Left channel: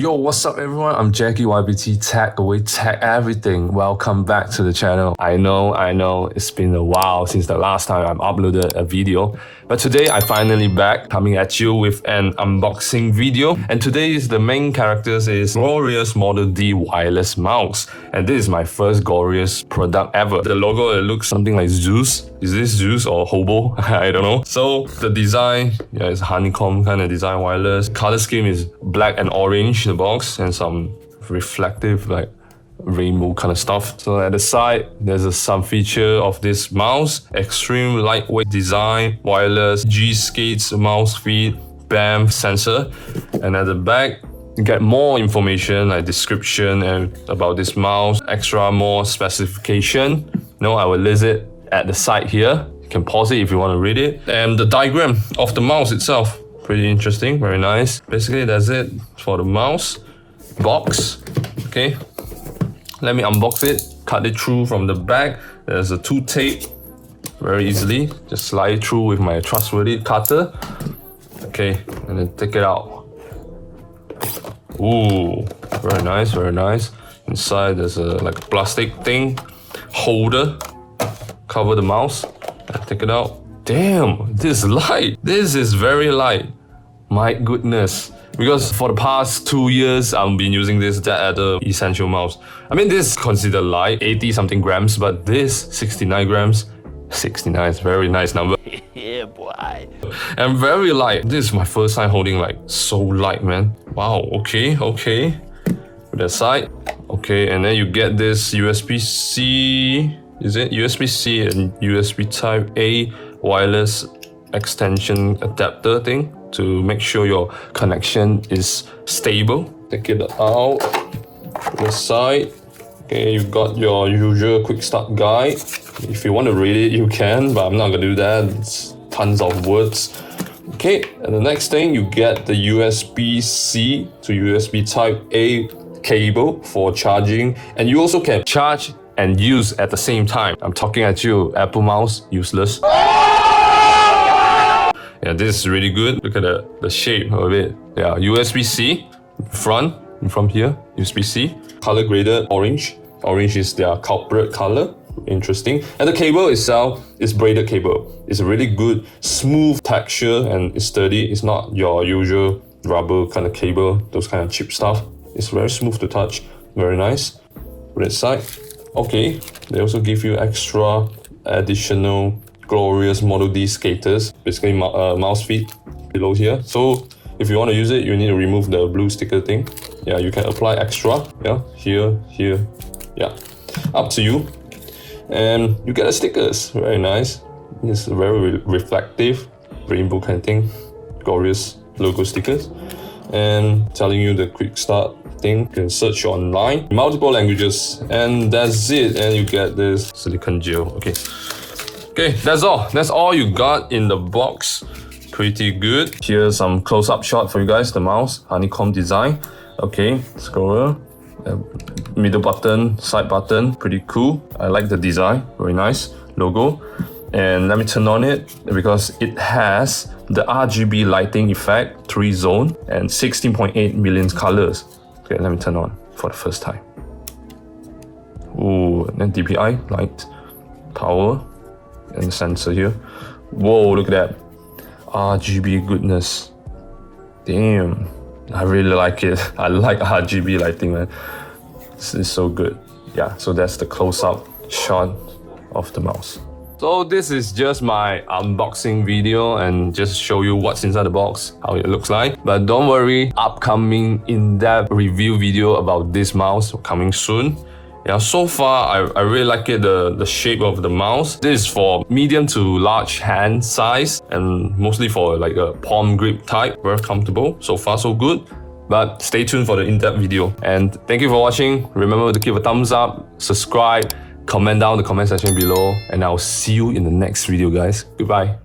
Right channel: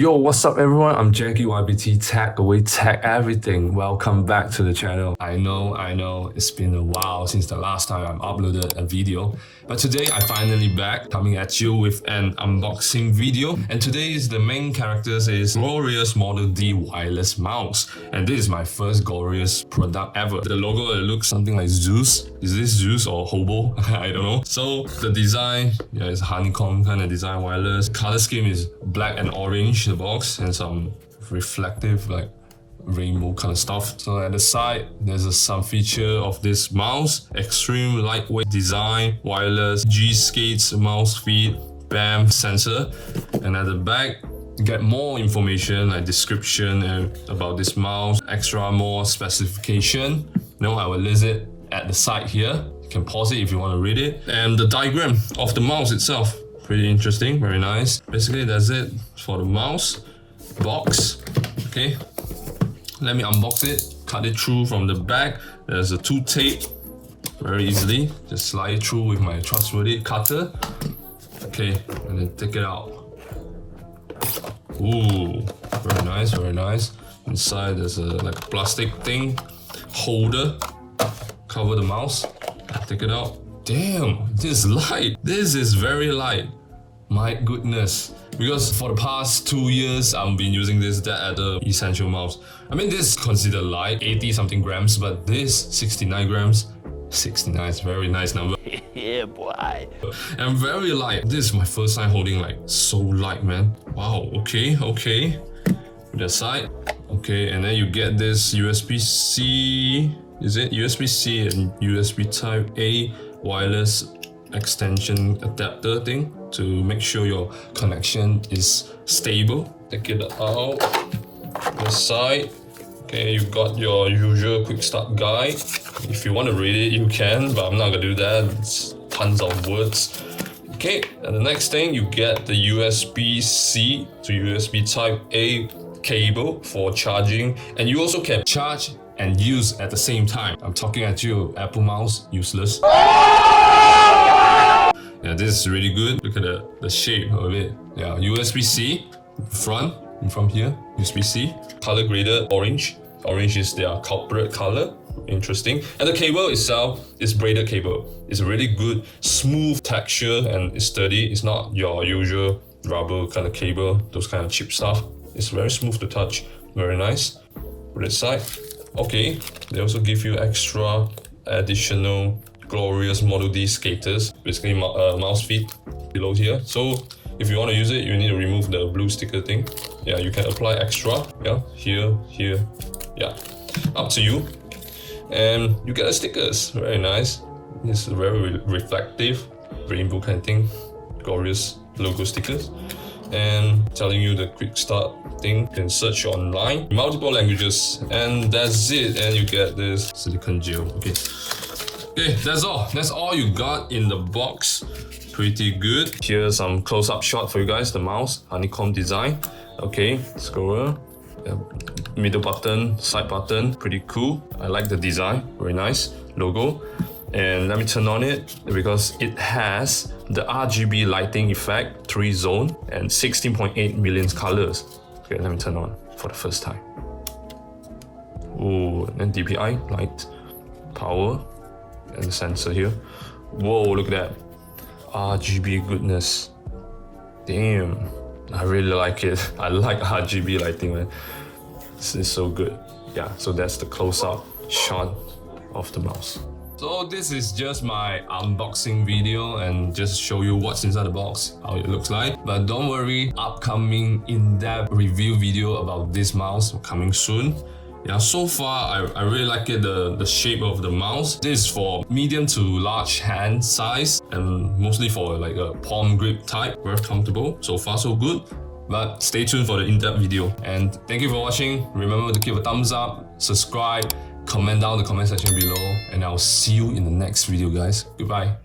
Yo, what's up everyone? I'm Jackie YBT, tech away, tech everything. Welcome back to the channel. I know, it's been a while since the last time I've uploaded a video. But today I'm finally back, coming at you with an unboxing video. And today's the main characters is Glorious Model D wireless mouse. And this is my first Glorious product ever. The logo, it looks something like Zeus. Is this Zeus or Hobo? I don't know. So the design, yeah, it's honeycomb kind of design, wireless. Color scheme is black and orange in the box, and some reflective like rainbow kind of stuff. So at the side, there's a sub feature of this mouse, extreme lightweight design, wireless, G-skates, mouse feet, BAM sensor. And at the back, you get more information like description and about this mouse, extra more specification. I will list it at the side here. You can pause it if you want to read it. And the diagram of the mouse itself, pretty interesting, very nice. Basically, that's it for the mouse box. Okay, let me unbox it, cut it through from the back. There's a 2 tape, very easily. Just slide it through with my trustworthy cutter. Okay, and then take it out. Ooh, very nice, very nice. Inside there's a like a plastic thing, holder, cover the mouse. Take it out. Damn, this is light. This is very light. My goodness. Because for the past 2 years, I've been using this other essential mouse. I mean, this is considered light, 80 something grams, but this 69 grams. 69 is a very nice number. Yeah, boy. And very light. This is my first time holding like so light, man. Wow, okay. Put that aside. Okay, and then you get this USB-C, is it? USB-C and USB Type A wireless extension adapter thing to make sure your connection is stable. Take it out, to the side. Okay, you got your usual quick start guide. If you want to read it, you can, but I'm not gonna do that. It's tons of words. Okay, and the next thing, you get the USB-C to USB Type A cable for charging, and you also can charge and use at the same time. I'm talking at you, Apple mouse, useless. Yeah, this is really good. Look at the shape of it. Yeah, USB-C, in front here, USB-C. Color graded orange. Orange is their culprit color. Interesting. And the cable itself is braided cable. It's a really good, smooth texture and it's sturdy. It's not your usual rubber kind of cable, those kind of cheap stuff. It's very smooth to touch. Very nice. Put it aside. Okay, they also give you extra additional Glorious Model D skaters, basically mouse feet below here. So if you want to use it, you need to remove the blue sticker thing. Yeah, you can apply extra. Yeah, here, yeah, up to you. And you get the stickers, very nice. It's very reflective, rainbow kind of thing. Glorious logo stickers. And telling you the quick start thing. You can search online, multiple languages, and that's it. And you get this silicone gel. Okay, that's all. That's all you got in the box. Pretty good. Here's some close-up shot for you guys. The mouse, honeycomb design. Okay, scroller, middle button, side button, pretty cool. I like the design, very nice logo. And let me turn on it because it has the RGB lighting effect, 3 zone and 16.8 million colors. Okay, let me turn on for the first time. Ooh, and then DPI, light, power, and the sensor here. Whoa, look at that. RGB goodness. Damn, I really like it. I like RGB lighting, man. This is so good. Yeah, so that's the close-up shot of the mouse. So this is just my unboxing video and just show you what's inside the box, how it looks like. But don't worry, upcoming in-depth review video about this mouse coming soon. Yeah, so far I really like it, the shape of the mouse. This is for medium to large hand size and mostly for like a palm grip type. Very comfortable. So far so good. But stay tuned for the in-depth video. And thank you for watching. Remember to give a thumbs up, subscribe, comment down in the comment section below, and I'll see you in the next video, guys. Goodbye.